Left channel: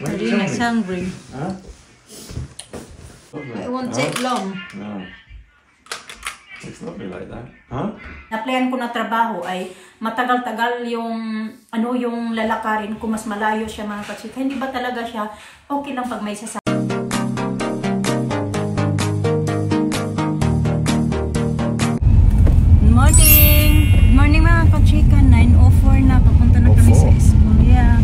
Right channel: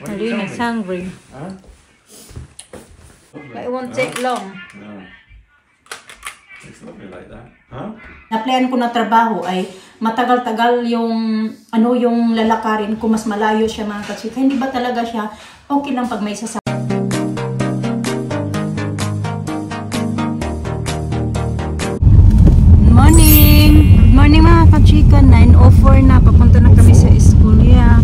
Hindi na, hungry. Huh? It won't take long. No. It's lovely like that. Huh? Na-plan ko na trabaho ay matagal-tagal yung yung lalakarin ko, mas malayo siya mga kachika. Hindi ba talaga siya okay lang pag may sasama? Good morning mga kachika. 9:04 na, papunta na kami sa school. Yeah.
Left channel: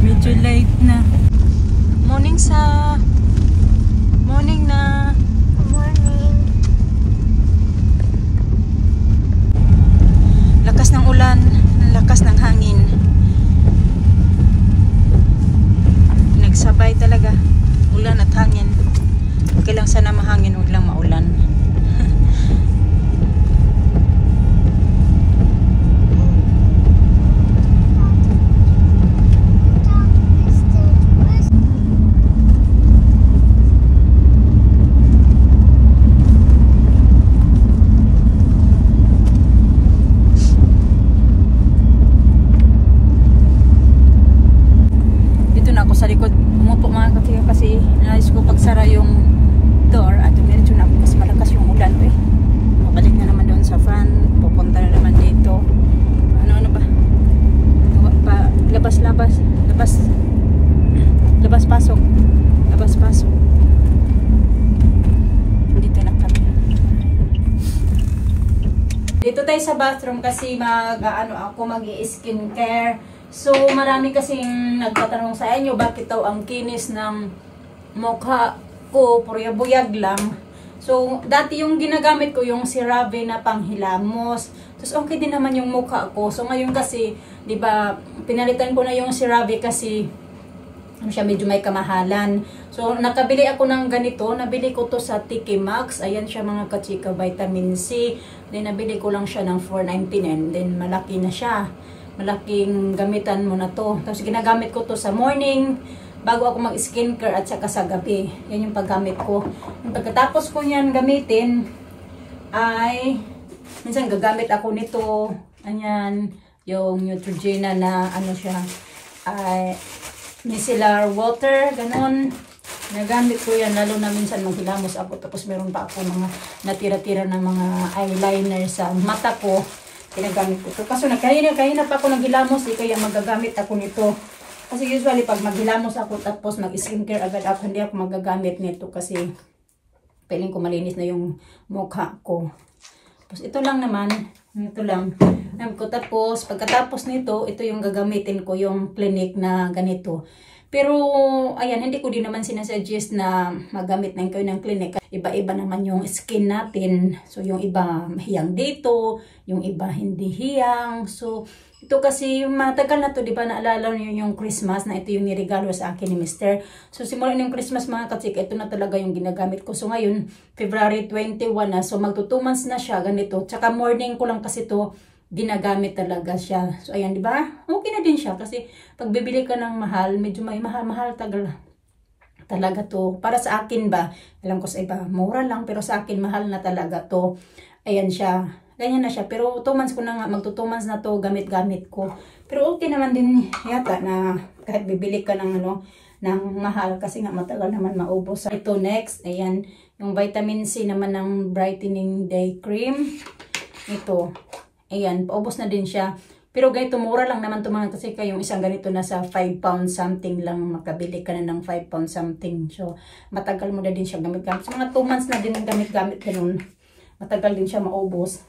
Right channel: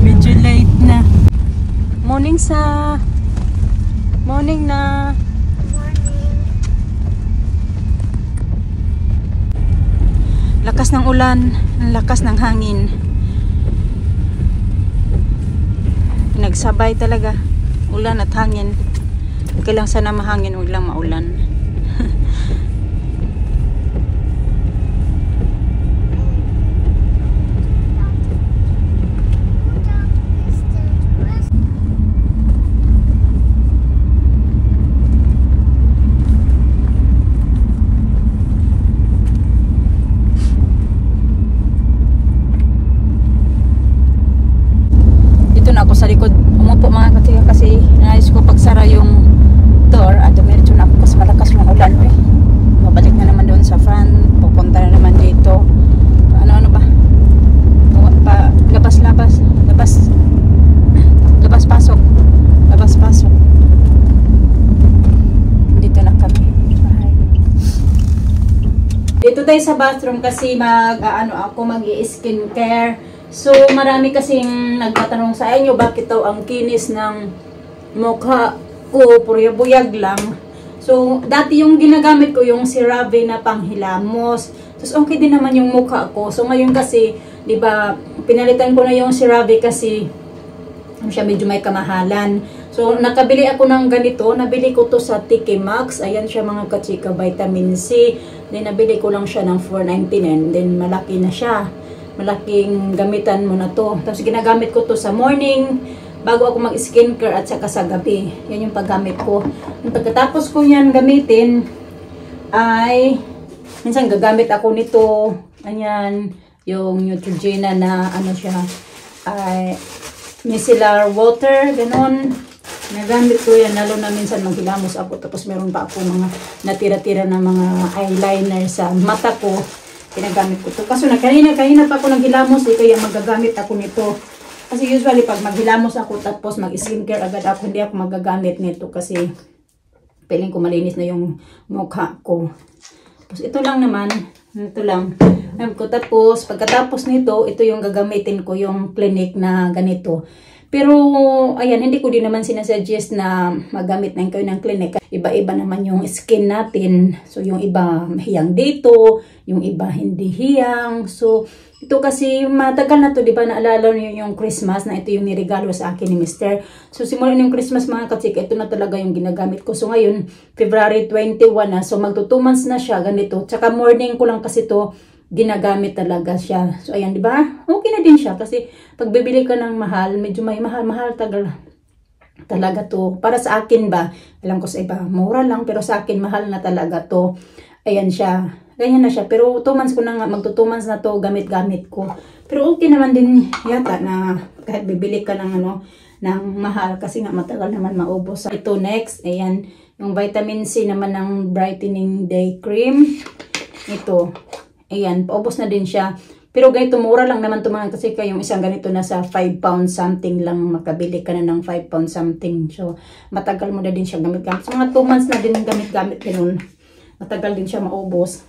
Medyo late na. Morning na. Lakas ng ulan, lakas ng hangin. Pinagsabay talaga, ulan at hangin. Okay lang sana mahangin, huwag lang maulan. Sa likod, umupo mga katiga kasi nais ko pagsara yung door at medyo na ako kasi malakas yung ulan. Mabalik na naman doon sa fan, pupunta na naman dito. Ano ba? Labas pasok. Dito na kami. Dito tayo sa bathroom kasi ako mag-i-skincare. So, marami kasing nagtatanong sa inyo bakit daw ang kinis ng mukha ko, puro buyag lang. So, dati yung ginagamit ko yung CeraVe na panghilamos. Tapos, okay din naman yung mukha ko. So, ngayon kasi, di ba, pinalitan ko na yung CeraVe kasi siya medyo may kamahalan. So, nakabili ako ng ganito. Nabili ko to sa TK Maxx. Ayan siya mga kachika, vitamin C. Then, nabili ko lang siya ng $4.99. Then, malaki na siya. Malaking gamitan mo na to. Tapos ginagamit ko to sa morning bago ako mag-skincare at saka sa gabi. Yan yung paggamit ko. Pagkatapos ko yan gamitin ay minsan gagamit ako nito. Ayan, yung Neutrogena na siya ay micellar water, ganon. Nagamit ko yan lalo na minsan maghilamos ako tapos meron pa ako mga natira-tira na mga eyeliner sa mata ko. Ginagamit ko to. Kaso kanina pa ako naghilamos, kaya magagamit ako nito. Kasi usually pag maghilamos ako tapos mag-skincare agad ako, hindi ako magagamit nito kasi piling ko malinis na yung mukha ko. Tapos ito lang naman, Tapos pagkatapos nito, ito yung gagamitin ko, yung Clinique na ganito. Pero, ayan, hindi ko din naman sinasuggest na magamit na kayo ng Clinique. Iba-iba naman yung skin natin. So, yung iba hiyang dito, yung iba hindi hiyang. So, ito kasi matagal na to, di ba? Naalala niyo yung Christmas na ito yung niregalo sa akin ni Mr. So, simula yung Christmas mga katsika, ito na talaga yung ginagamit ko. So, ngayon, February 21 na. So, magto 2 months na siya, ganito. Tsaka morning ko lang kasi to ginagamit talaga siya. So, ayan, di ba? Okay na din siya kasi pag bibili ka ng mahal, medyo may mahal talaga to. Para sa akin ba, alam ko sa iba, mura lang, pero sa akin mahal na talaga to. Ayan siya. Ganyan na siya. Pero 2 months ko na nga, magto 2 months na to, gamit-gamit ko. Pero okay naman din yata na kahit bibili ka ng ng mahal kasi nga matagal naman maubos. Ito next, ayan, yung vitamin C naman ng Brightening Day Cream. Ito. Ayan, paubos na din siya. Pero ganito, mura lang naman ito mga kasi yung isang ganito nasa 5 pounds something lang, makabili ka na ng 5 pounds something. So, matagal mo na din siya gamit-gamit. So, mga 2 months na din gamit-gamit ganun. Matagal din siya maubos.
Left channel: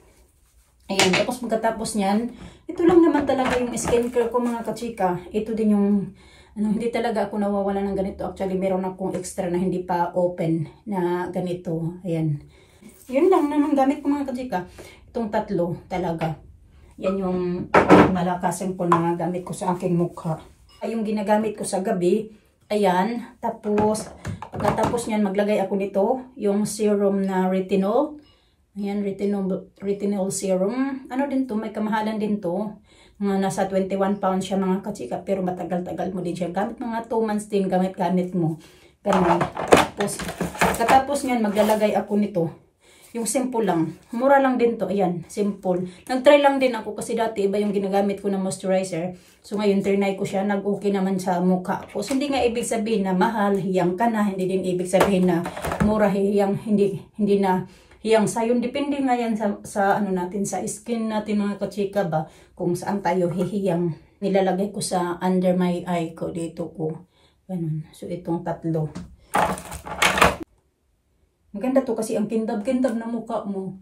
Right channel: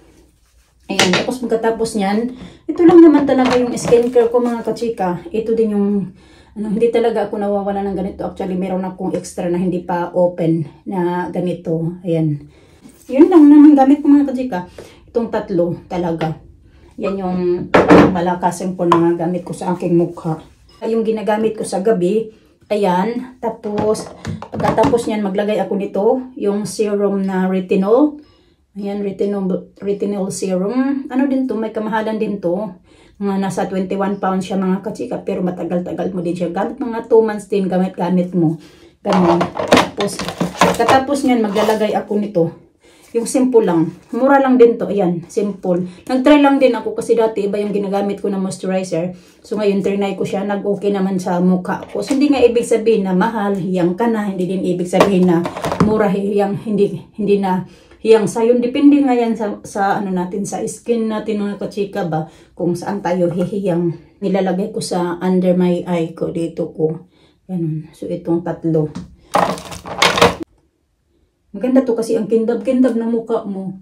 Ayan, tapos pagkatapos niyan, ito lang naman talaga yung skincare ko mga kachika. Ito din yung, hindi talaga ako nawawala ng ganito. Actually, meron akong extra na hindi pa open na ganito. Ayan. Yun lang naman gamit ko mga kachika. Itong tatlo talaga. Yan yung malakasin po na gamit ko sa aking mukha. Yung ginagamit ko sa gabi, ayan. Tapos, pagkatapos niyan, maglagay ako nito, yung serum na retinol. Ayan, retinol serum. Ano din to? May kamahalan din to. Mga nasa 21 pounds siya mga kachika. Pero matagal-tagal mo din siya. Gamit mga 2 months din gamit mo. Ganun. Tapos, pagkatapos niyan, maglalagay ako nito. Yung simple lang. Mura lang din to. Ayan, simple. Nag-try lang din ako kasi dati iba yung ginagamit ko na moisturizer. So ngayon, trinay ko siya. Nag-okay naman sa mukha ko. So hindi nga ibig sabihin na mahal, hiyang ka na. Hindi din ibig sabihin na mura, hiyang, hindi na hiyang sayon. Depende nga yan sa ano natin, sa skin natin mga kachika ba. Kung saan tayo hihiyang. Nilalagay ko sa under my eye ko. Dito ko. Ganun. So itong tatlo. Maganda to kasi ang kintab-kintab na mukha mo.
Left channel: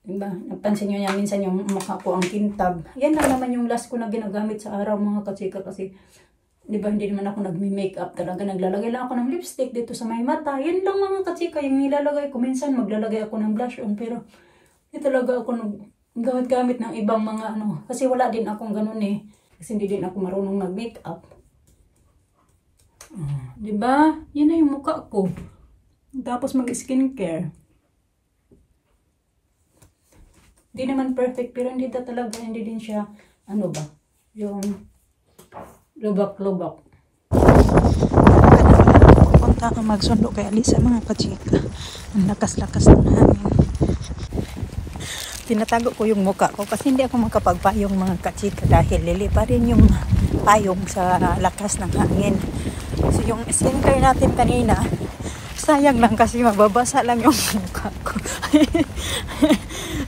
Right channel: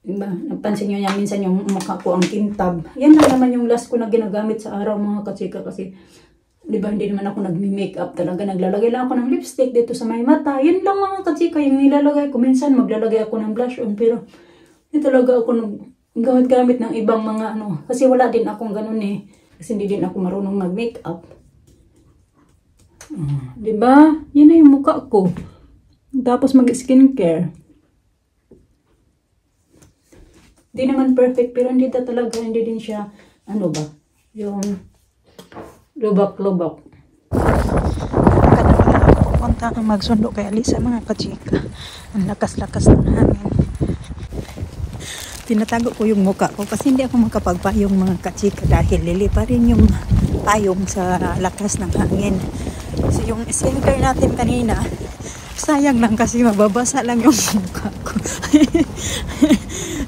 Diba? Napansin nyo niya minsan yung mukha ko ang kintab. Yan lang naman yung last ko na ginagamit sa araw mga kachika kasi diba hindi naman ako nagmi-makeup talaga. Naglalagay lang ako ng lipstick dito sa may mata. Yan lang mga kachika yung nilalagay ko. Minsan maglalagay ako ng blush on pero hindi talaga ako gamit ng ibang mga ano. Kasi wala din akong ganun eh. Kasi hindi din ako marunong mag-makeup. Diba? Yan na yung mukha ko. Tapos mag-skincare. Di naman perfect, pero hindi talaga, hindi din siya, ano ba, yung lubak-lubak. Punta akong magsundo kay Alisa mga kachika. Ang lakas-lakas ng hangin. Tinatago ko yung mukha ko kasi hindi ako makapagpayong mga kachika dahil lilipa rin yung payong sa lakas ng hangin. So yung skincare natin kanina, sayang lang kasi mababasa lang yung mukha ko.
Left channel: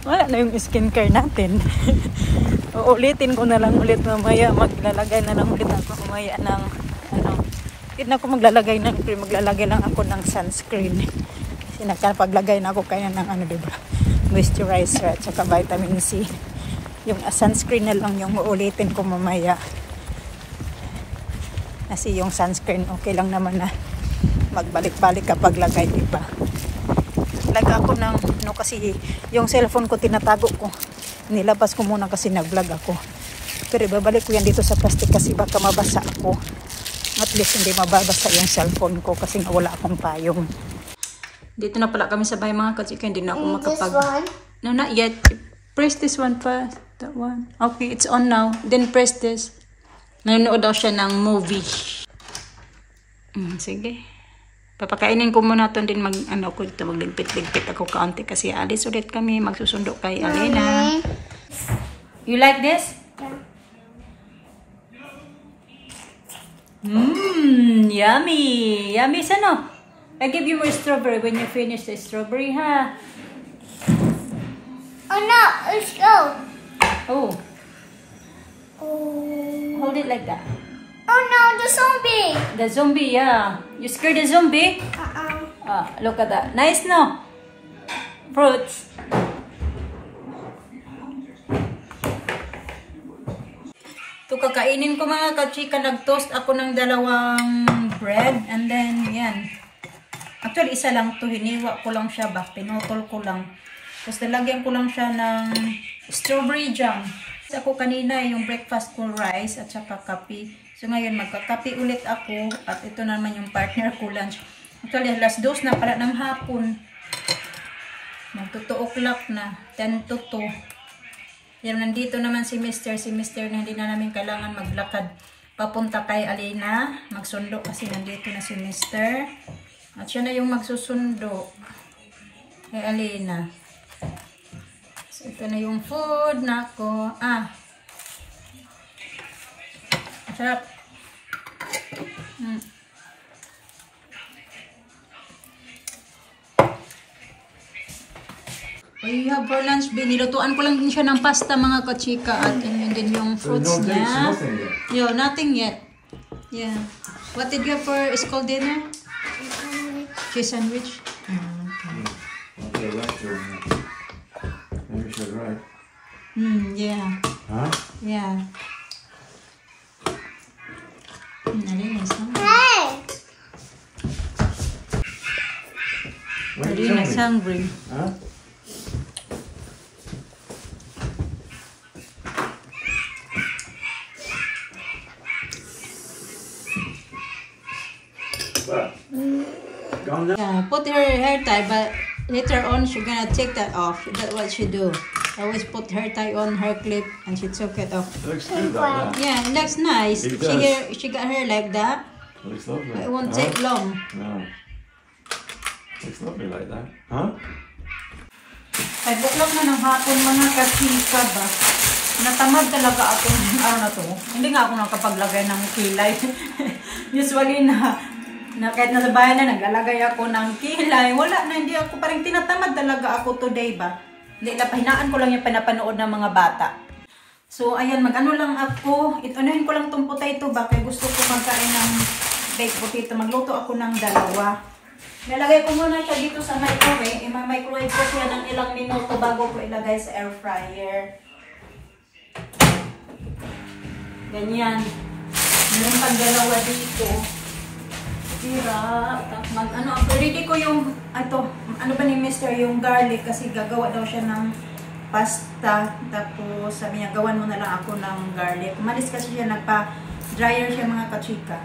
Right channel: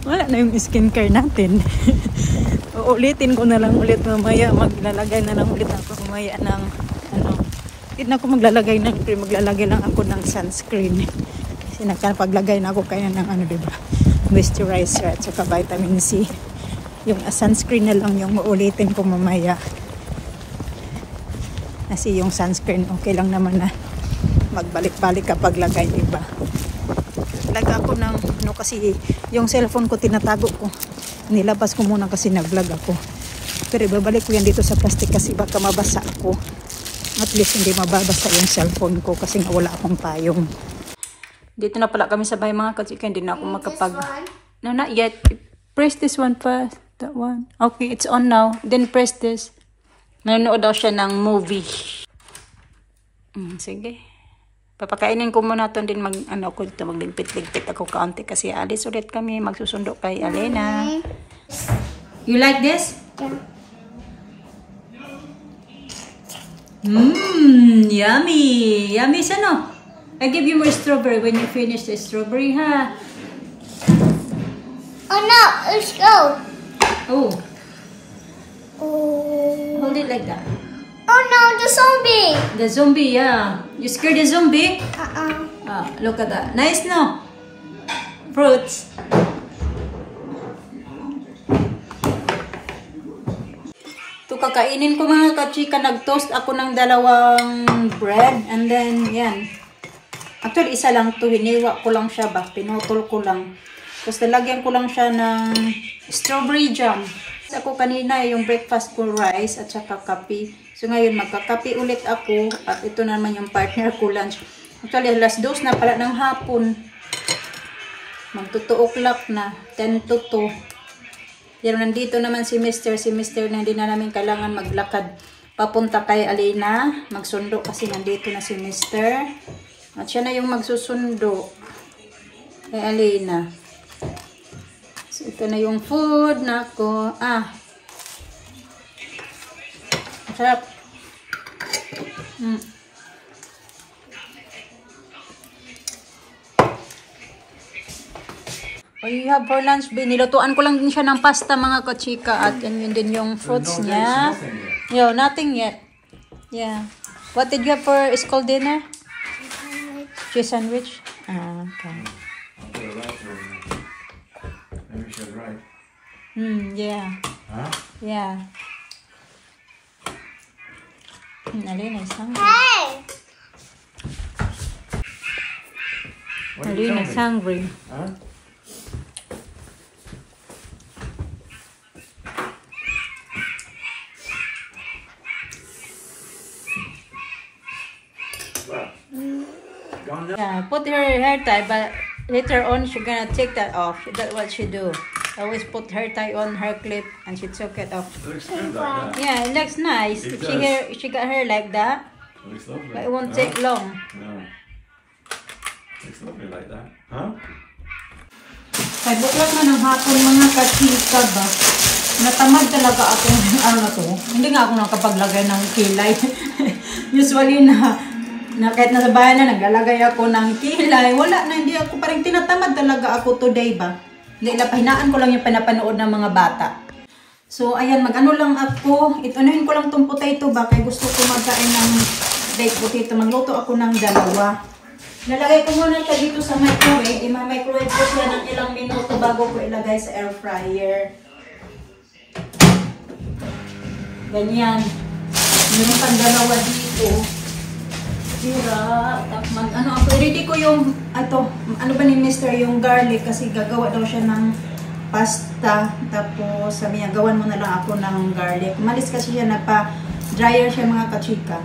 Wala na yung skincare natin. Uulitin ko na lang ulit mamaya. Maglalagay na lang ulit ako mamaya ng ano. Hindi na ako maglalagay ng cream. Maglalagay lang ako ng sunscreen. Kasi nagpaglagay na ako kaya ng ano, diba? Moisturizer at saka vitamin C. Yung sunscreen na lang yung uulitin ko mamaya. Kasi yung sunscreen okay lang naman na magbalik-balik kapag lagay, diba? Laga ako ng no, kasi yung cellphone ko tinatago ko. Nilabas ko muna kasi nag-vlog ako. Pero ibabalik ko yan dito sa plastic kasi baka mabasa ako. At least hindi mababasa yung cellphone ko kasi nga wala akong payong. Dito na pala kami sa bahay mga kachika. Hindi na ako makapag... No, not yet. Press this one first. That one. Okay, it's on now. Then press this. Nanonood daw siya ng movie. Sige. Papakainin ko muna ito din magligpit-ligpit ako kaunti kasi alis ulit kami magsusundo kay Alena. You like this? Yeah. Yummy. Yummy sana. I give you more strawberry when you finish the strawberry, ha? Oh no, let's go. Oh. Oh. Hold it like that. Oh no, the zombie. The zombie, yeah. You scared the zombie? Uh-uh. Look at that. Nice, no? Fruits. Ito, kakainin ko mga kachika. Nag-toast ako ng dalawang bread. And then, yan. Actually, isa lang ito. Hiniwa ko lang siya ba? Pinutol ko lang. Tapos, nilagyan ko lang siya ng strawberry jam. Ako kanina yung breakfast ko rice at saka kape. So ngayon magkakape ulit ako at ito naman yung partner ko lunch. Actually alas 2 na pala ng hapon. Mag-2 o'clock na. 10 to 2. Yan, nandito naman si Mr. na hindi na namin kailangan maglakad. Papunta kay Alena. Magsundo kasi nandito na si Mr. At siya na yung magsusundo kay Alena. So, ito na yung food na ako. Sarap. You have for lunch, nilutuan ko lang din siya ng pasta mga kachika at yun din yung fruits niya. Yo, nothing yet. Yeah. What did you have for school dinner? Cheese sandwich. Okay. Right. Yeah. Huh? Yeah. Alina is hungry. Alina is hungry. Huh? Yeah, put her hair tie, but later on she's gonna take that off. That's what she do. Always put hair tie on her clip and she took it off. It looks good like that. Yeah, it looks nice. It If does. she got hair like that, Looks lovely. but it won't No? take long. No. Looks lovely like that. Huh? 5 o'clock na ng hapon mga kachika ba. Natamad talaga ako ng araw na to. Hindi nga ako nakapaglagay ng kilay. Usually na kahit nasa bayan na naglalagay ako ng kilay. Wala na, hindi ako parang tinatamad talaga ako today ba. Hindi, pahinaan ko lang yung pinapanood ng mga bata. So ayan, mag-ano lang ako. Itunahin ko lang tong potato ba. Kaya gusto ko magkain ng baked potato. Magluto ako ng dalawa. Nalagay ko muna siya dito sa microwave. Ima-microwave ko siya ng ilang minuto bago ko ilagay sa air fryer. Ganyan. Meron pang dalawa dito. Tira. Ready ko yung, ano ba ni Mr. yung garlic kasi gagawa daw siya ng pasta. Tapos sabi niya, gawan mo na lang ako ng garlic. Umalis kasi siya, nagpa-dryer siya mga kachika.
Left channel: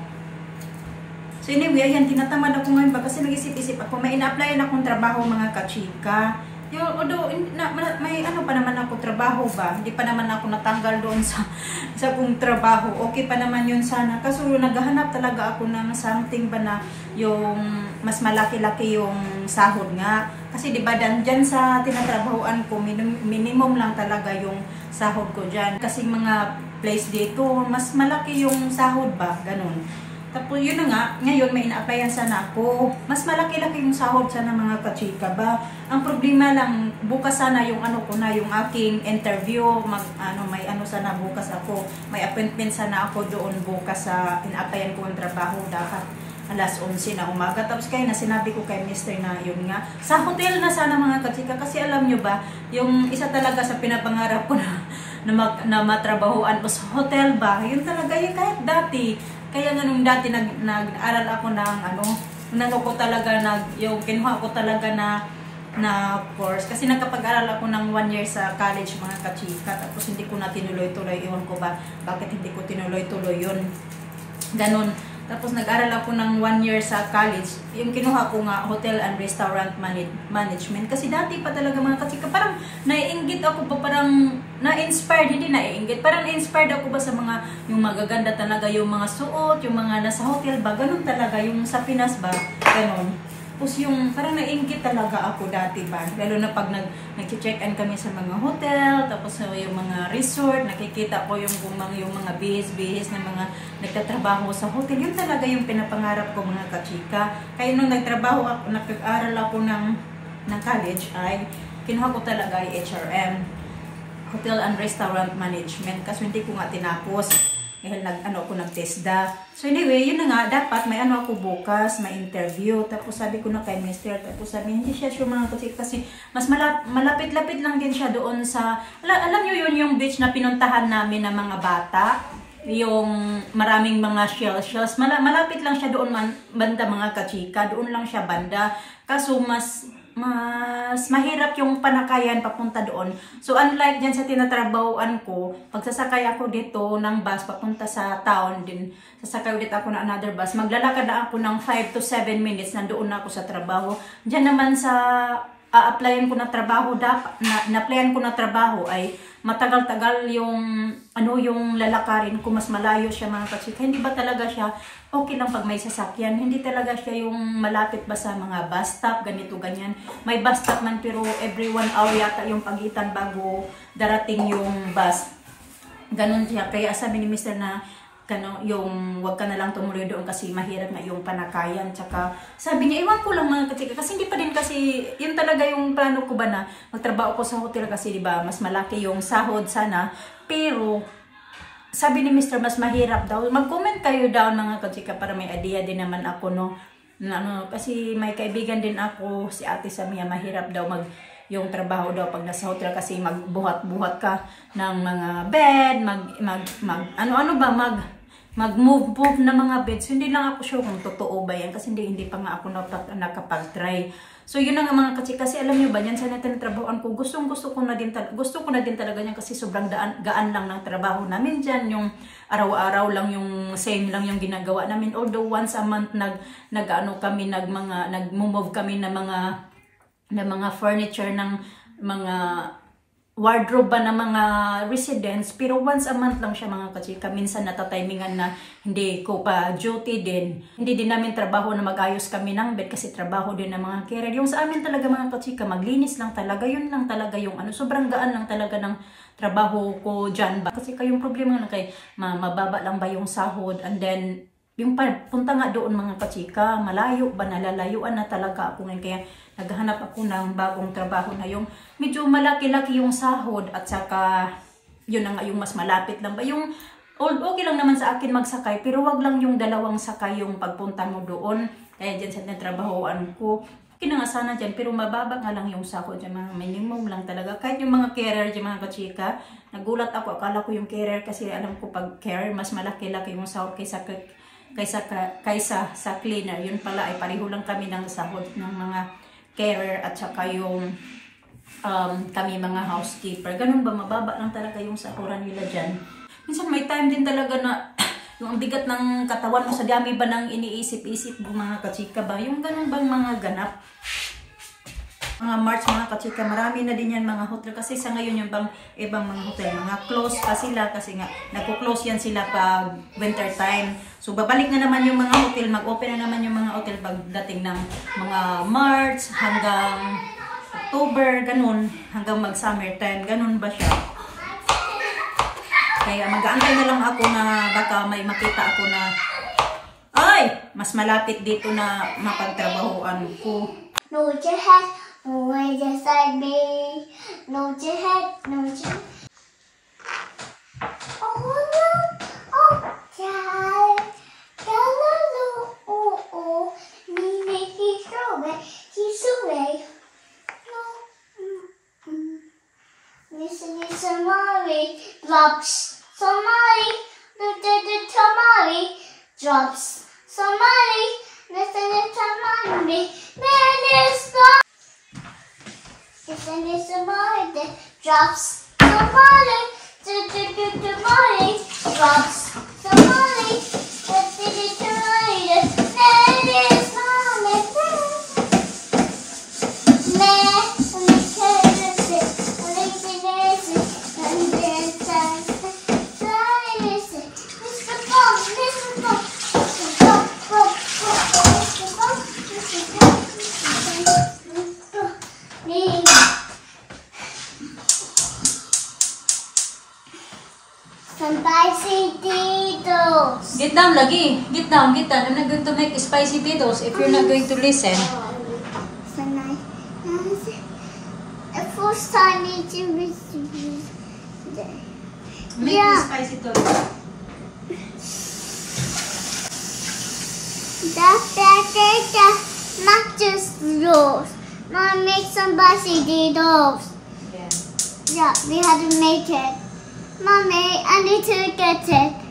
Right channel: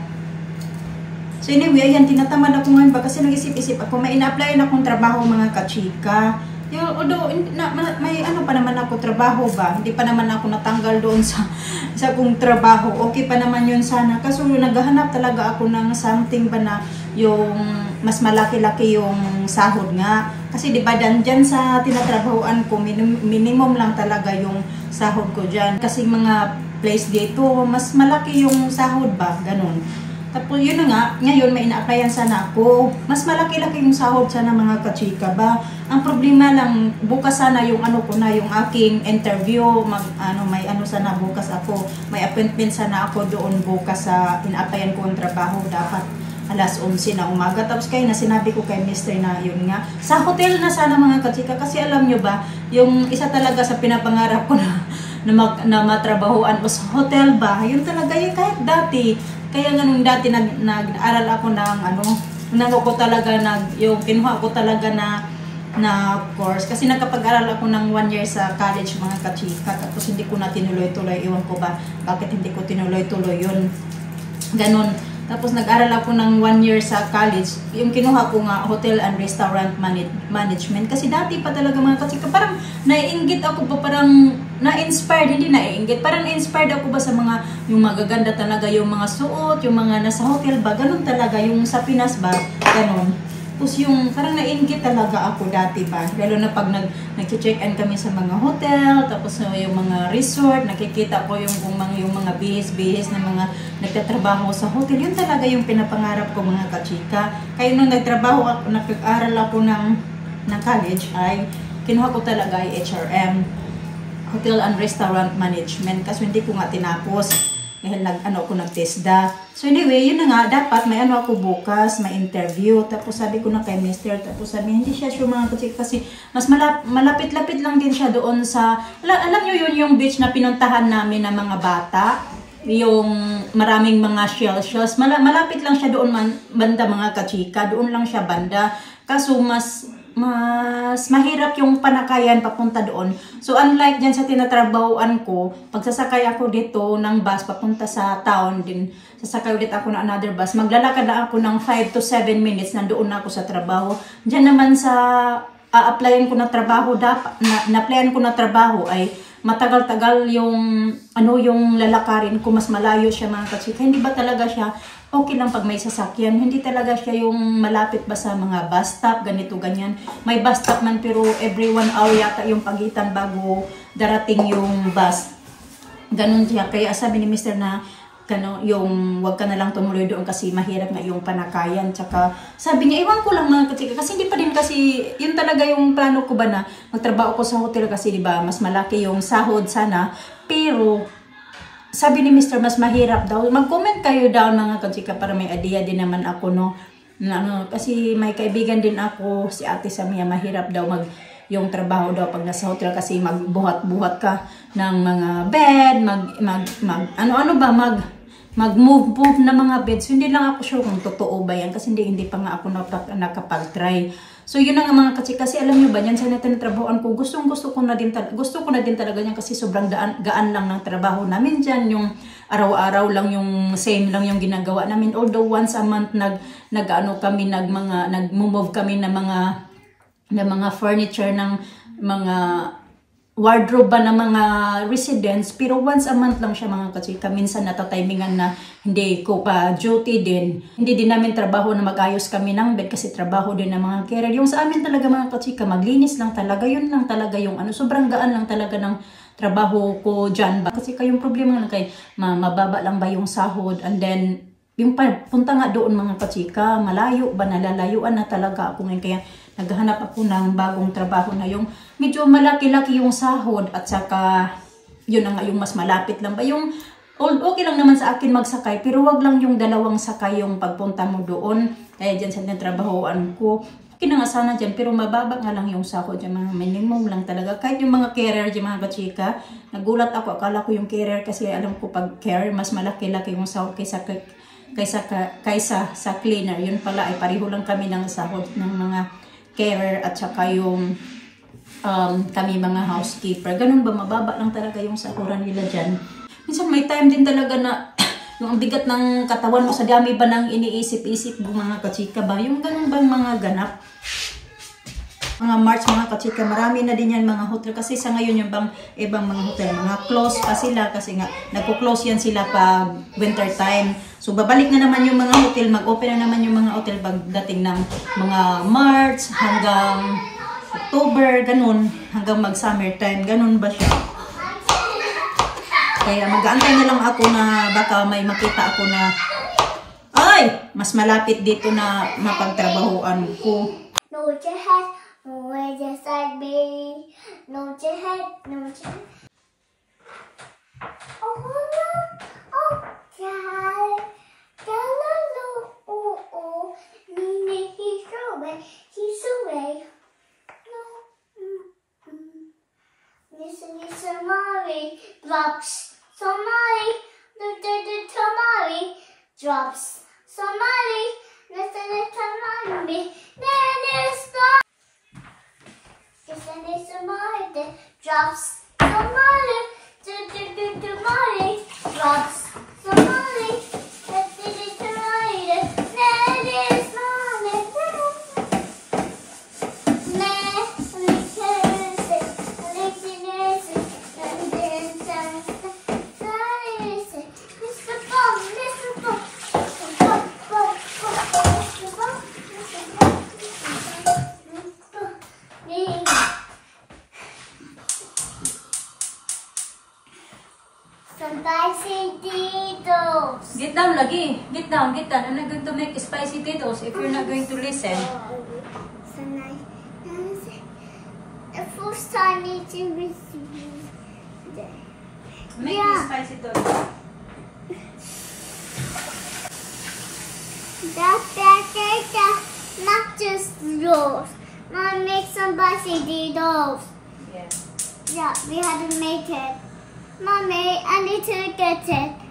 So anyway, ayan, tinatamad ako ngayon ba kasi nag-isip-isip ako, may ina-applyan akong trabaho mga kachika. Although, may ano pa naman ako trabaho ba, hindi pa naman ako natanggal doon sa kong trabaho. Okay pa naman yun sana. Kaso naghahanap talaga ako ng something ba na yung mas malaki-laki yung sahod nga. Kasi diba dyan sa tinatrabahoan ko, minimum lang talaga yung sahod ko dyan. Kasi mga place dito, mas malaki yung sahod ba, ganun. Tapos yun na nga, ngayon may ina-applyan sana ako. Mas malaki-laki yung sahod sana mga kachika ba. Ang problema lang, bukas sana yung ano ko na, yung aking interview. May ano sana bukas ako. May appointment sana ako doon bukas sa ina-applyan ko ang trabaho. Dapat alas 11 na umaga. Tapos kaya na sinabi ko kay Mr. na yun nga. Sa hotel na sana mga kachika. Kasi alam nyo ba, yung isa talaga sa pinapangarap ko na matrabahoan ko sa hotel ba. Yun talaga yung kahit dati. Kaya nga nung dati nag-aral ako ng kinuha ko talaga na course. Kasi nagkapag-aral ako ng 1 year sa college mga kachika. Tapos hindi ko na tinuloy-tuloy. Iwan ko ba bakit hindi ko tinuloy-tuloy yun. Ganon. Tapos nag-aral ako ng 1 year sa college. Yung kinuha ko nga, Hotel and Restaurant Management. Kasi dati pa talaga mga kachika, parang naiinggit ako pa, parang na-inspired, hindi naiinggit. Parang na-inspired ako ba sa mga, yung magaganda talaga, yung mga suot, yung mga nasa hotel ba, ganun talaga, yung sa Pinas ba, ganun. Tapos yung, parang nainggit talaga ako dati ba, lalo na pag nag-check-in kami sa mga hotel, tapos yung mga resort, nakikita ko yung mga bihis-bihis na mga nagtatrabaho sa hotel, yun talaga yung pinapangarap ko mga kachika. Kaya nung nag-aral ako ng college, ay kinuha ko talaga ay HRM, Hotel and Restaurant Management, kasi hindi ko nga tinapos. Dahil nag-TESDA. So anyway, yun na nga, dapat may ako bukas, may interview. Tapos sabi ko na kay Mr. Tapos sabi, hindi siya sure mga kasi mas malapit-lapit lang din siya doon sa, alam nyo yun yung beach na pinuntahan namin ng mga bata. Yung maraming mga shells. Malapit lang siya doon banda mga kachika. Doon lang siya banda. Kaso mas mahirap yung panakayan papunta doon. So unlike dyan sa tinatrabahoan ko, pagsasakay ako dito ng bus papunta sa town din, sasakay ulit ako ng another bus, maglalakad na ako ng 5 to 7 minutes, nandoon na ako sa trabaho. Dyan naman sa applyan ko na trabaho, na-applyan ko na trabaho ay matagal-tagal yung lalakarin ko, mas malayo siya mga kachika. Hindi ba talaga siya okay lang pag may sasakyan? Hindi talaga siya yung malapit ba sa mga bus stop, ganito, ganyan. May bus stop man pero every 1 hour yata yung pagitan bago darating yung bus. Ganun siya. Kaya sabi ni Mr. na yung wag ka na lang tumuloy doon kasi mahirap nga yung panakayan. Tsaka sabi niya, iwan ko lang mga kachika kasi hindi pa din kasi yun talaga yung plano ko ba na magtrabaho ko sa hotel kasi diba mas malaki yung sahod sana. Pero sabi ni Mr. mas mahirap daw. Mag-comment kayo down mga kachika para may idea din naman ako kasi may kaibigan din ako, si Ate Samia, mahirap daw yung trabaho daw pag nasa hotel kasi magbuhat-buhat ka ng mga bed, mag-move na mga beds. So, hindi lang ako sure kung totoo ba yan kasi hindi pa nga ako nakapag-try. So yun na nga mga kachika, kasi alam nyo ba yan sa natrabahoan ko, gusto ko na din talaga yan kasi sobrang gaan lang ng trabaho namin dyan, yung araw-araw lang yung same lang yung ginagawa namin, although once a month nag-move kami ng mga furniture ng mga wardrobe ba ng mga residents, pero once a month lang siya mga kachika. Minsan natatimingan na hindi ko pa duty din. Hindi din namin trabaho na mag-ayos kami ng bed kasi trabaho din ng mga carer. Yung sa amin talaga mga kachika, maglinis lang talaga. Yun lang talaga yung ano, sobrang gaan lang talaga ng trabaho ko dyan ba. Kasi kayong problema lang kay mababa lang ba yung sahod, and then yung punta nga doon mga kachika, malayo ba, nalalayuan na talaga ako ngayon. Kaya naghahanap ako ng bagong trabaho na yung medyo malaki-laki yung sahod at saka yun na nga yung mas malapit lang ba. Yung okay lang naman sa akin magsakay, pero wag lang yung dalawang sakay yung pagpunta mo doon. Kaya dyan sa trabahoan ko, okay na nga sana dyan, pero mababa nga lang yung sahod dyan, mga minimum lang talaga. Kahit yung mga carer dyan mga kachika, nagulat ako, akala ko yung carer kasi alam ko pag carer mas malaki-laki yung sahod kaysa sa cleaner. Yun pala ay pareho lang kami ng sahod ng mga carer at saka yung kami mga housekeeper. Ganun ba, mababa lang talaga yung sahuran nila dyan. Minsan may time din talaga na yung ang bigat ng katawan mo, sa dami ba nang iniisip-isip mo mga kachika ba? Yung ganun bang mga ganap? Mga March mga kachika, marami na din yan mga hotel. Kasi sa ngayon yung ibang mga hotel, mga close pa sila kasi nga nagko-close yan sila pag winter time. So babalik na naman yung mga hotel, mag-open na naman yung mga hotel pagdating ng mga March hanggang October, ganun, hanggang mag-summer time, ganun ba siya? Kaya mag-aantay na lang ako na baka may makita ako na ay, mas malapit dito na mapagtrabahuan ko. No, your head. No, just like me. No, your head. No, your oh, look. Oh, child. Oh. Me, he's away. He's away. No. Listen, Somali drops. Somali. Tamari drops. Somali. Listen, Tamari. Man is gone. Listen, Somali drops. Somali. Tamari drops. Somali. Listen, Tamari. Man is gone. Some spicy Tito's. Get down lagi. Get down. I'm not going to make spicy Tito's if you're not going to listen. So nice. The first time eating with today. Make Yeah. spicy Tito's. That's not just rolls. Mom, make some spicy Tito's. Yeah. Yeah, we had to make it. Mommy, I need to get it.